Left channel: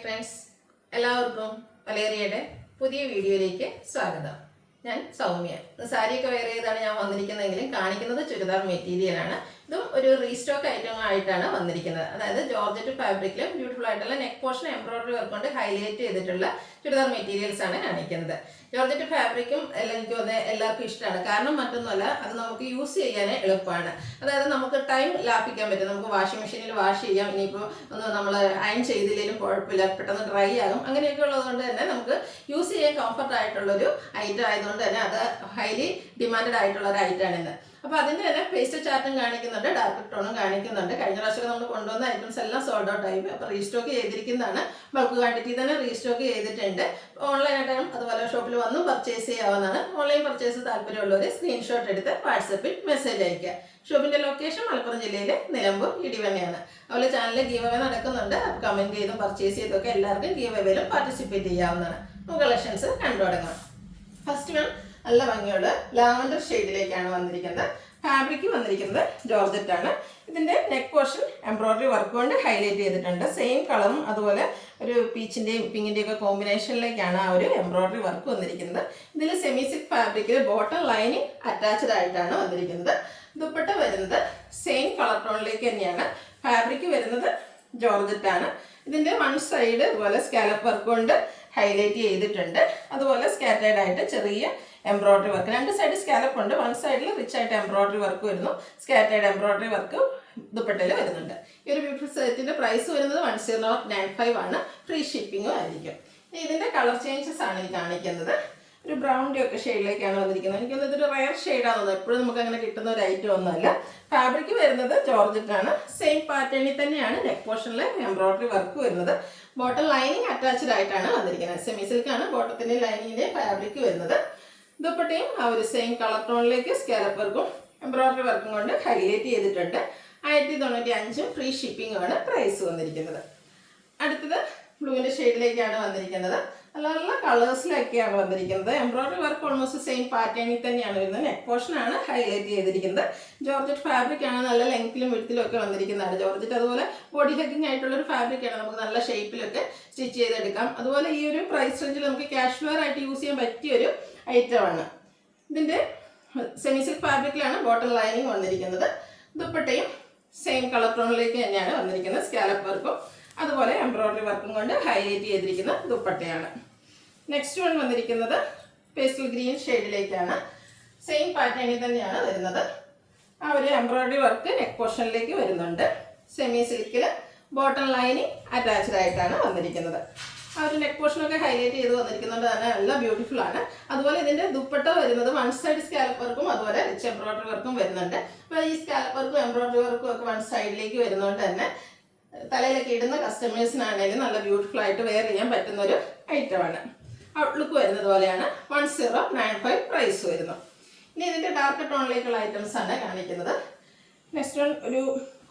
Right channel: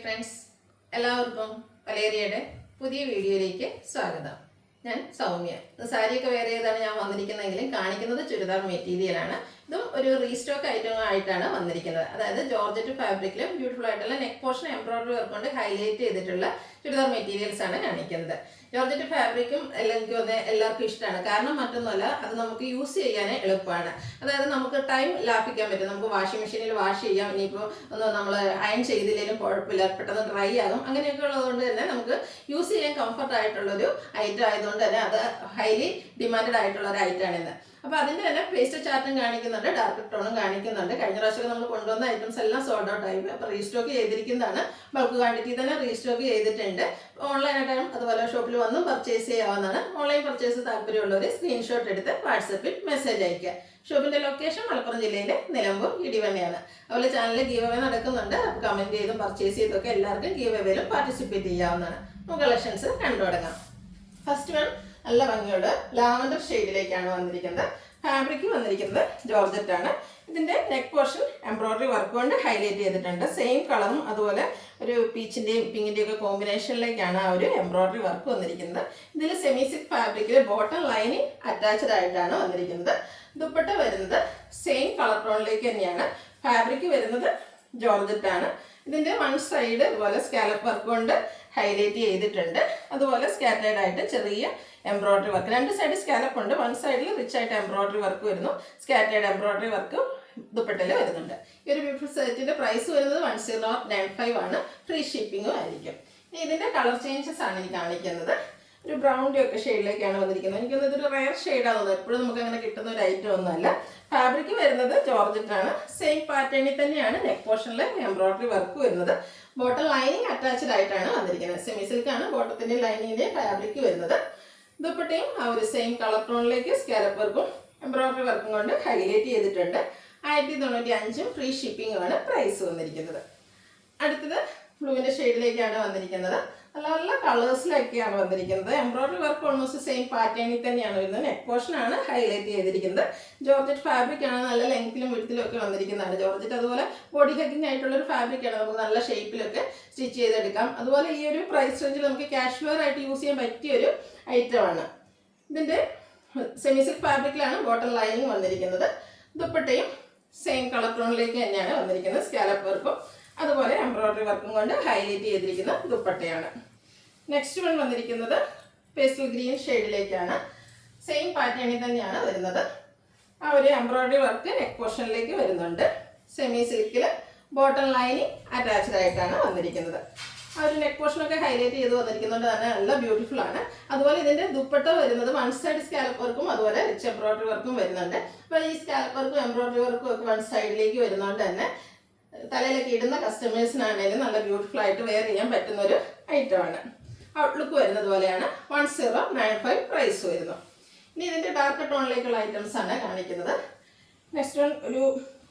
Friends, എല്ലാവർക്കും വലേറിയയുടെ പുതിയ വീഡിയോയിലേക്ക് സ്വാഗതം. ഞാൻ സൗമ്യ. സാരിയൊക്കെ വെയർ ചെയ്താണ് ഞാൻ വന്നിരിക്കുന്നതെങ്കിലും കാണിക്കുന്നത് ചുരിദാർ മെറ്റീരിയലാണ്. ഇതും ഒരു റീസ്റ്റോക്ക് ഐറ്റം ആയിട്ടാണ് വന്നിരിക്കുന്നത്. അതായത് ജോർജറ്റ് ഫാബ്രിക്കിൽ ബ്യൂട്ടിഫുൾ ആയിട്ടുള്ള നെക്ക് പോർഷൻ എംബ്രോയിഡറി വർക്ക് കൊണ്ട് ഹൈലൈറ്റ് ചെയ്തിട്ടുള്ള ചുരിദാർ മെറ്റീരിയൽസ് ആണ് കാണിക്കുന്നത്. ജോർജറ്റ് ഫാബ്രിക്കും എല്ലാം എനിക്ക് തോന്നുന്നത് എല്ലാവർക്കും ഇഷ്ടമാണ്. കാരണം മറ്റൊന്നുമല്ല, അത് നമുക്ക് യൂസ് ചെയ്യാൻ എളുപ്പമാണ്. അതായത് നമുക്ക് ടൈം ലാഭിക്കാൻ പറ്റും. നമുക്ക് വാഷിംഗ് മെഷീനിൽ വാഷ് ചെയ്യാം. ഇനിയിപ്പോൾ ഒന്ന് നമ്മൾ അയൺ ചെയ്തില്ലെങ്കിലും കുഴപ്പമില്ല, പെട്ടെന്ന് ഡ്രൈ ആകും. അങ്ങനെയൊക്കെ ഉള്ളതുകൊണ്ട് തന്നെ നമുക്ക് യൂസ് ചെയ്യാൻ കംഫർട്ട് ആയിട്ടുള്ളൊരു ഐറ്റം ആയതുകൊണ്ട് തന്നെ അത് ഹൈലി ഡിമാൻഡഡ് ആയിട്ടുള്ള ഒരു ഐറ്റമാണ് ഇന്ന്. അപ്പോൾ അതിൻ്റെ തന്നെ പേസ്റ്റ് ചാർട്ടും കാണിക്കുന്നുണ്ട്, ഡാർക്ക് ടോണും കാണിക്കുന്നുണ്ട്. കഴിഞ്ഞ പ്രാവശ്യം നമ്മൾ കൊണ്ടുവന്ന ഐറ്റംസ് എല്ലാം സോൾഡ് ഔട്ട് ആയി. അപ്പോൾ റീസ്റ്റോക്ക് ചെയ്തിരിക്കുന്നതാണ്. ബൾക്ക് ക്വാണ്ടിറ്റി തന്നെ റീസ്റ്റോക്ക് ചെയ്തിട്ടുണ്ട്. ഓൺലൈനായിട്ടും അതുപോലെ ഷോപ്പിൽ വന്ന് പർച്ചേസ് ചെയ്യാവുന്നതാണ്. ഓൺലൈൻ പർച്ചേസ് താല്പര്യമുള്ളവർ സ്ക്രീൻഷോട്ട് എടുത്ത് വാട്സപ്പിൽ മെസ്സേജ് അയയ്ക്കുക. ഷോപ്പിൻ്റെ ലൊക്കേഷൻ മലപ്പുറം ജില്ലയിലെ നിലമ്പൂർ ഇടിവണ്ണയാണ്. അതുപോലെ ചാനലിൽ ഗീവ് അവേ നടക്കുന്നുണ്ട്. അപ്പോൾ കമൻറ്റ് ചെയ്തും പർച്ചേസ് ചെയ്തൊക്കെ എല്ലാവർക്കും ഗീവ് അവേയിലും പാർട്ടിസിപ്പേറ്റ് ചെയ്യാവുന്നതാണ്. നമുക്ക് കളക്ഷൻസ് കണ്ടു തുടങ്ങാം. ഫസ്റ്റ് വൺ നല്ല ഭംഗിയുള്ള ലാവൻഡർ ഷെയ്ഡിലേക്കാണ് വന്നിരിക്കുന്നത്. ഫാബ്രിക് വന്നിരിക്കുന്നത് ജോർജറ്റ് ആണ്. ഇതിൻ്റെ നെക്ക് പോർഷൻ എംബ്രോയിഡറി വർക്ക് കൊണ്ട് ഹൈലൈറ്റ് ചെയ്തിട്ടുണ്ട്. സെയിം കളറും അതുപോലെ ഒരു പീച്ചിൻ്റെയും പിങ്കിൻ്റെയും ഒക്കെ കോമ്പിനേഷനിലേക്കാണ് ആ ഒരു എംബ്രോയിഡറി വർക്ക് വന്നിരിക്കുന്നത്. ഇതിൽ സെമി സിൽക്ക് ഫാബ്രിക്കിൽ ബോട്ടം ലൈനിങ് അറ്റാച്ച്ഡ് ആയിട്ടാണ് വന്നിരിക്കുന്നത്. ദുപ്പട്ട വരുന്നത് സെയിം കളർ ടോണിലേക്ക് തന്നെയാണ്. ഫാബ്രിക് വരുന്നത് ജോർജറ്റ് ആണ്. ഇതിൻ്റെ വൺ സൈഡ് അതുപോലെ സ്കാലപ്പ് വർക്ക് കൊണ്ട് ഹൈലൈറ്റ് ചെയ്തിട്ടുണ്ട്. അതുപോലെ സ്കാറ്റേർഡ് ആയിട്ട് ചെറിയ എംബ്രോയിഡറി വർക്ക്, രണ്ട് സൈഡ് സ്കാലപ്പ് ഉണ്ട്. വൺ സൈഡിൽ റിച്ച് ആയിട്ട് എംബ്രോയിഡറി വർക്ക് വരുന്നു. സ്കാറ്റേർഡ് എംബ്രോയിഡറി വർക്ക് ദുപ്പട്ടയിൽ വരുന്നുണ്ട്. ഈ ഒരു ബ്യൂട്ടിഫുൾ സെറ്റിൻ്റെ പ്രൈസ് വരുന്നത് 1095 ആണ്. ഫ്രീ ഷിപ്പിങ്ങും ആയിരിക്കും. ഇതിൻ്റെ കളർ ചേഞ്ചസ് ആണ് എനിക്ക് കാണിക്കുന്നത്. ഒരു ബ്രൗണിൻ്റെ ഒക്കെ ഷെയ്ഡിലേക്കാണ് വന്നിരിക്കുന്നത്. എനിക്കൊന്നും ഇതൊരു റയർ ഷെയ്ഡാണ് തോന്നുന്നത്. എപ്പോഴും നമുക്ക് അങ്ങനെ കിട്ടുന്ന ഒരു ഐറ്റം ഒന്നുമല്ല. ഫാബ്രിക് വരുന്നത് ജോർജറ്റ് ആണ്. സെയിം പാറ്റേണിൽ തന്നെയാണ് നെക്ക് പോർഷനിൽ എംബ്രോയിഡറി വർക്ക് വരുന്നത്. ബോട്ടം ലൈനിങ് അറ്റാച്ച്ഡ് ആയിട്ടാണ് വന്നിരിക്കുന്നത്. സെമി സിൽക്കാണ് ബോട്ടത്തിൻ്റെ ലൈനിങ്ങിൻ്റെ ഫാബ്രിക് വരുന്നത്. ദുപ്പട്ടയും ആ ഒരു സെയിം കളർ ടോണിലേക്ക് സ്കാലപ്പ് വർക്കും എംബ്രോയിഡറി വർക്കും കൊണ്ട് ഹൈലൈറ്റ് ചെയ്തിട്ടുണ്ട്. 1095 ഫ്രീ ഷിപ്പിങ്ങുമാണ് പ്രൈസ് വന്നിരിക്കുന്നത്. അടുത്തത് ബ്ലൂവിൻ്റെ ഷെയ്ഡിലേക്കാണ് വന്നിരിക്കുന്നത്. നല്ല നല്ല കളേഴ്സിലൊക്കെയാണ് വന്നിരിക്കുന്നത്. എംബ്രോയിഡറി വർക്ക് ഓൾമോസ്റ്റ് സെയിം പാറ്റേണിൽ തന്നെയാണ് വരുന്നത്. നെക്ക് പോർഷനാണ് ഹൈലൈറ്റ് ചെയ്തിരിക്കുന്നത്. ജോർജറ്റ് ഫാബ്രിക് ആണ്. നല്ല ലെങ്ത്തിലും വിഡ്ത്തിലും ഒക്കെ വന്നിരിക്കുന്നതാണ് ജോർജറ്റ്. അതുപോലെ ബോഡി ഹഗ്ഗിങ് ആയിട്ടുള്ളൊരു ഫാബ്രിക്കാണ്. നമുക്ക് നല്ല ഷേപ്പിലൊക്കെ സ്റ്റിച്ച് ചെയ്തെടുക്കാം. അതുപോലെ ഈ ഒരു പ്രൈസ് റേഞ്ചിൽ നമുക്ക് കാഷ്വൽ ആയിട്ട് യൂസ് ചെയ്യാൻ പറ്റിയൊരു ഐറ്റമാണ്. ഇതിൻ്റെ സെമി സിൽക്ക് ഫാബ്രിക്കിലാണ് ബോട്ടം ലൈനിങ് വന്നിരിക്കുന്നത്. ദുപ്പട്ടയും സെയിം കളർ ടോണിലേക്ക് തന്നെയാണ് വന്നിരിക്കുന്നത്. സ്കാലപ്പ് വർക്കും അതുപോലെ എംബ്രോയിഡറി വർക്കും കൊണ്ട് ഹൈലൈറ്റ് ചെയ്തിരിക്കുന്ന ദുപ്പട്ടയാണ്. നെക്സ്റ്റ് വൺ വന്നിരിക്കുന്നത് പേസ്റ്റൽ ഗ്രീൻ ഷെയ്ഡിലേക്കാണ്. സെയിം പാറ്റേണിൽ തന്നെയാണ് വരുന്നത്. ആ ഒരു എംബ്രോയിഡറി വർക്ക് നെക്ക് പോർഷനിലേക്ക് വരുന്നുണ്ട്. സെമി സിൽക്കിൽ ബോട്ടം ലൈനിങ് അറ്റാച്ച്ഡ് ആയിട്ടാണ് വന്നിരിക്കുന്നത്. ആ ഒരു നെക്ക് പോർഷനൊക്കെ ഹൈലൈറ്റ് ചെയ്ത് വന്നിരിക്കുന്നുണ്ട്. തന്നെ നല്ല ബ്യൂട്ടിഫുൾ ആണ്. അതുപോലെ ഇതിൻ്റെ ദുപ്പട്ട വരുന്നത് വൺ സൈഡ് സ്കാലപ്പ് വർക്കും അതുപോലെ റിച്ച് എംബ്രോയിഡറി വർക്കും വരുന്നുണ്ട്. അപ്പോൾ ഈ സ്കാലപ്പ് വർക്കും എംബ്രോയിഡറി വർക്കും ഒക്കെ വൺ സൈഡിലേക്ക് വരുന്നതുകൊണ്ട് തന്നെ തലയിലൊക്കെ ഇടുന്ന കസ്റ്റമേഴ്സിനാണെങ്കിലും നല്ല ബ്യൂട്ടിഫുൾ ആയിട്ട് വെയർ ചെയ്യാൻ പറ്റുന്ന ഒരു ഐറ്റമാണ്. ഔട്ട്ലുക്ക് വരുന്നത് പോലെയാണ്. 1095 പ്രൈസ് വരുന്നു. ഇനി ഇതിൻ്റെ ഡാർക്ക് ടോണിലേക്കുള്ള ഐറ്റംസ് ആണ് കാണിക്കുന്നത്. നെക്സ്റ്റ് വൺ ഒരു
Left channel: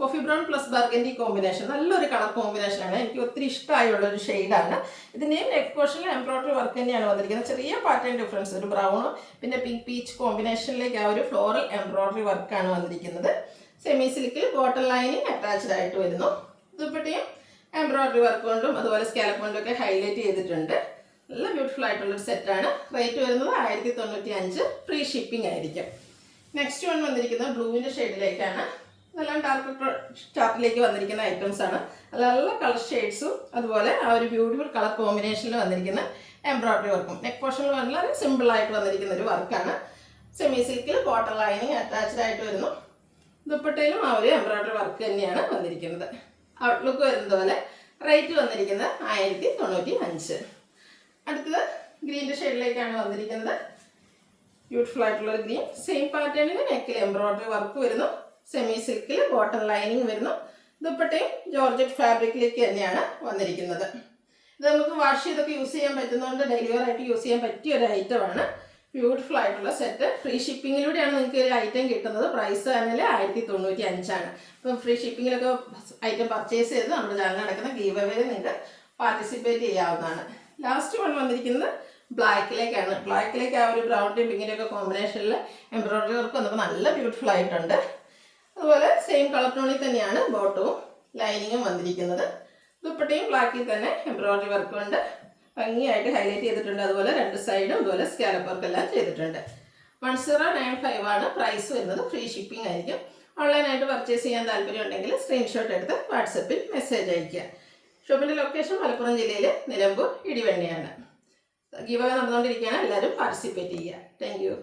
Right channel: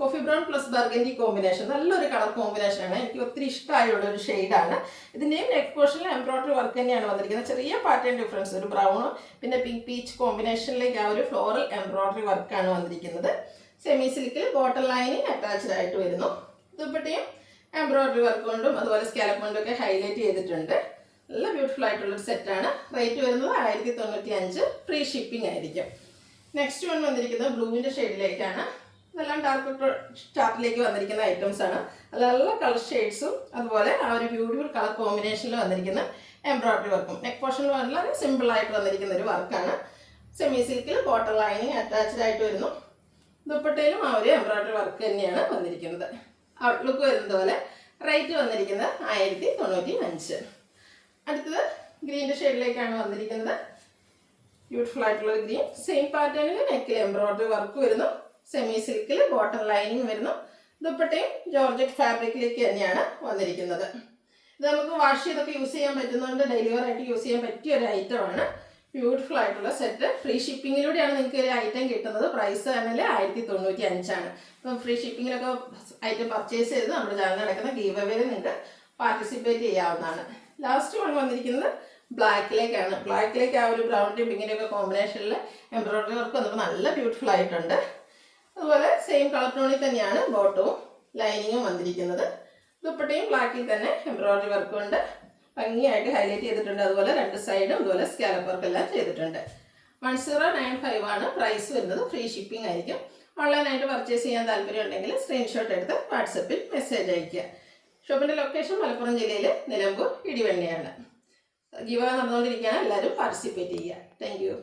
coffee brown plus burgundy combination. നല്ലൊരു കളർ കോമ്പിനേഷനാണ്. എനിക്ക് ഒത്തിരി ഇഷ്ടമായുള്ള ഒരു ഷെയ്ഡാണ്. ഇതിൻ്റെയും നെക്ക് പോർഷനിൽ എംബ്രോയിഡറി വർക്ക് തന്നെയാണ് വന്നിരിക്കുന്നത്. ചെറിയ പാറ്റേൺ ഡിഫറൻസ്, ഒരു ബ്രൗണും പിന്നെ പിങ്ക് പീച്ച് കോമ്പിനേഷനിലേക്ക് ആ ഒരു ഫ്ലോറൽ എംബ്രോയിഡറി വർക്കാണ് വന്നിരിക്കുന്നത്. സെമി സിൽക്കിൽ ബോട്ടം ലൈനിങ് അറ്റാച്ച്ഡ് ആയിട്ട് വരുന്നു. ദുപ്പട്ടയും എംബ്രോയിഡറി വർക്ക് കൊണ്ടും അതുപോലെ സ്കാലപ്പ് കൊണ്ടും ഒക്കെ ഹൈലൈറ്റ് ചെയ്തിട്ടുണ്ട്. നല്ല ബ്യൂട്ടിഫുൾ ആയിട്ടുള്ളൊരു സെറ്റാണ്. റേറ്റ് വരുന്നത് 1095 ഫ്രീ ഷിപ്പിംഗ് ആയിരിക്കും. നെക്സ്റ്റ് വൺ വന്നിരിക്കുന്നത് ബ്ലൂവിൻ്റെ ഷെയ്ഡിലേക്കാണ്. നല്ല ഡാർക്ക് ചാർട്ടിലേക്ക് വന്നിരിക്കുന്ന ഐറ്റംസ് ആണ്. നല്ല നല്ല കളർ ഷെയ്ഡ്സും അതുപോലെ ആ ഒരു ബ്യൂട്ടിഫുൾ കളർ കോമ്പിനേഷനിൽ വന്നിരിക്കുന്ന എംബ്രോയിഡറി വർക്കും നെക്ക് പോർഷനിൽ വളരെ സിമ്പിളായിട്ട് വന്നിരിക്കുന്ന ഒരു വർക്കാണ്. സെമി സിൽക്കിൽ ബോട്ടം ലൈനിങ് അറ്റാച്ച്ഡ് ആയിട്ട് വരുന്നു. ദുപ്പട്ടയിലും ആ ഒരു എംബ്രോയിഡറി വർക്ക് തന്നെയാണ് വന്നിരിക്കുന്നത്. ഔട്ട്ലുക്ക് വരുന്നത് പോലെ. റേറ്റ് വന്നിരിക്കുന്നത് 1095. അടുത്തത് ഗ്രീൻ്റെ ഷെയ്ഡിലേക്കാണ് വന്നിരിക്കുന്നത്. ബ്യൂട്ടിഫുൾ ആയിട്ടുള്ള ഒരു ഗ്രീൻ. സെയിം പാറ്റേണിൽ നെക്കിൽ എംബ്രോയിഡറി വർക്ക് വരുന്നു. സെമി സിൽക്കിൽ ബോട്ടം ലൈനിങ് വരുന്നു. ദുപ്പട്ടയും ജോർജറ്റ് ഫാബ്രിക്കിലേക്ക് തന്നെയാണ് വന്നിരിക്കുന്നത്. ഇത് നമുക്ക് വാഷ് ചെയ്തൊക്കെ യൂസ് ചെയ്യാൻ പറ്റുന്നതുകൊണ്ട് ഡെയിലി വെയർ ആയിട്ട് യൂസ് ചെയ്യാൻ പറ്റിയ ഒരു ഐറ്റമാണ്. ബ്യൂട്ടിഫുൾ ആയിട്ടുള്ള സെറ്റ്. ഫ്രീ ഷിപ്പിങ്ങിലൂടെയാണ് നിങ്ങൾക്ക് ഒരു ഐറ്റം കിട്ടുന്നത്. പ്രൈസ് തന്നെ 1095 ആണ്. അപ്പം ഫ്രീ ഷിപ്പിങ്ങിലൊക്കെ ഐറ്റം പർച്ചേസ് ചെയ്ത് നമ്മുടെ ചാനൽ നടക്കുന്ന ഗീവ് അവേയിൽ നിങ്ങൾക്ക് പാർട്ടിസിപ്പേറ്റ് ചെയ്യാവുന്നതാണ്. ലാസ്റ്റ് വൺ വന്നിരിക്കുന്നത് ബ്ലാക്കിലേക്കാണ്. ബ്ലാക്കിലേക്ക് ആ ഒരു ബ്രൗണിൻ്റെയും പിങ്കിൻ്റെ ഒക്കെ കോമ്പിനേഷനിൽ എംബ്രോയിഡറി വർക്ക് വന്നപ്പോൾ നല്ല ബ്യൂട്ടിഫുൾ ആയിട്ടുണ്ട്. അതുപോലെ സെയിം കളർ ടോണിൽ തന്നെയാണ് ബോട്ടവും ലൈനിങ്ങും വന്നിരിക്കുന്നത്. ദുപ്പട്ടയും ബ്ലാക്കിൽ തന്നെ എംബ്രോയിഡറി വർക്ക് കൊണ്ട് ഭംഗിയായിട്ട് ഹൈലൈറ്റ് ചെയ്തിട്ടുണ്ട്. അതുപോലെ രണ്ട് സൈഡും ഇതുപോലെ സ്കാലപ്പ് വർക്ക് എല്ലാം ചെയ്തിട്ടുണ്ട്. 1095 ആണ് പ്രൈസ് വരുന്നത്. ഫ്രീ ഷിപ്പിംഗ് ആയിരിക്കും. ഓൺലൈനായിട്ട് പർച്ചേസ് ചെയ്യാൻ താല്പര്യം ഉണ്ടെങ്കിൽ സ്ക്രീൻഷോട്ട് എടുത്ത് വാട്സപ്പിൽ മെസ്സേജ് അയയ്ക്കുക. ഷോപ്പിൻ്റെ ലൊക്കേഷൻ മലപ്പുറം ജില്ലയിൽ നിലമ്പൂർ ഇടിവണ്ണയാണ്. ഗിവ് അവേ നടന്നുകൊണ്ടിരിക്കുകയാണ്. എല്ലാവരും പാർട്ടിസിപ്പേറ്റ് ചെയ്യുക. Thank you.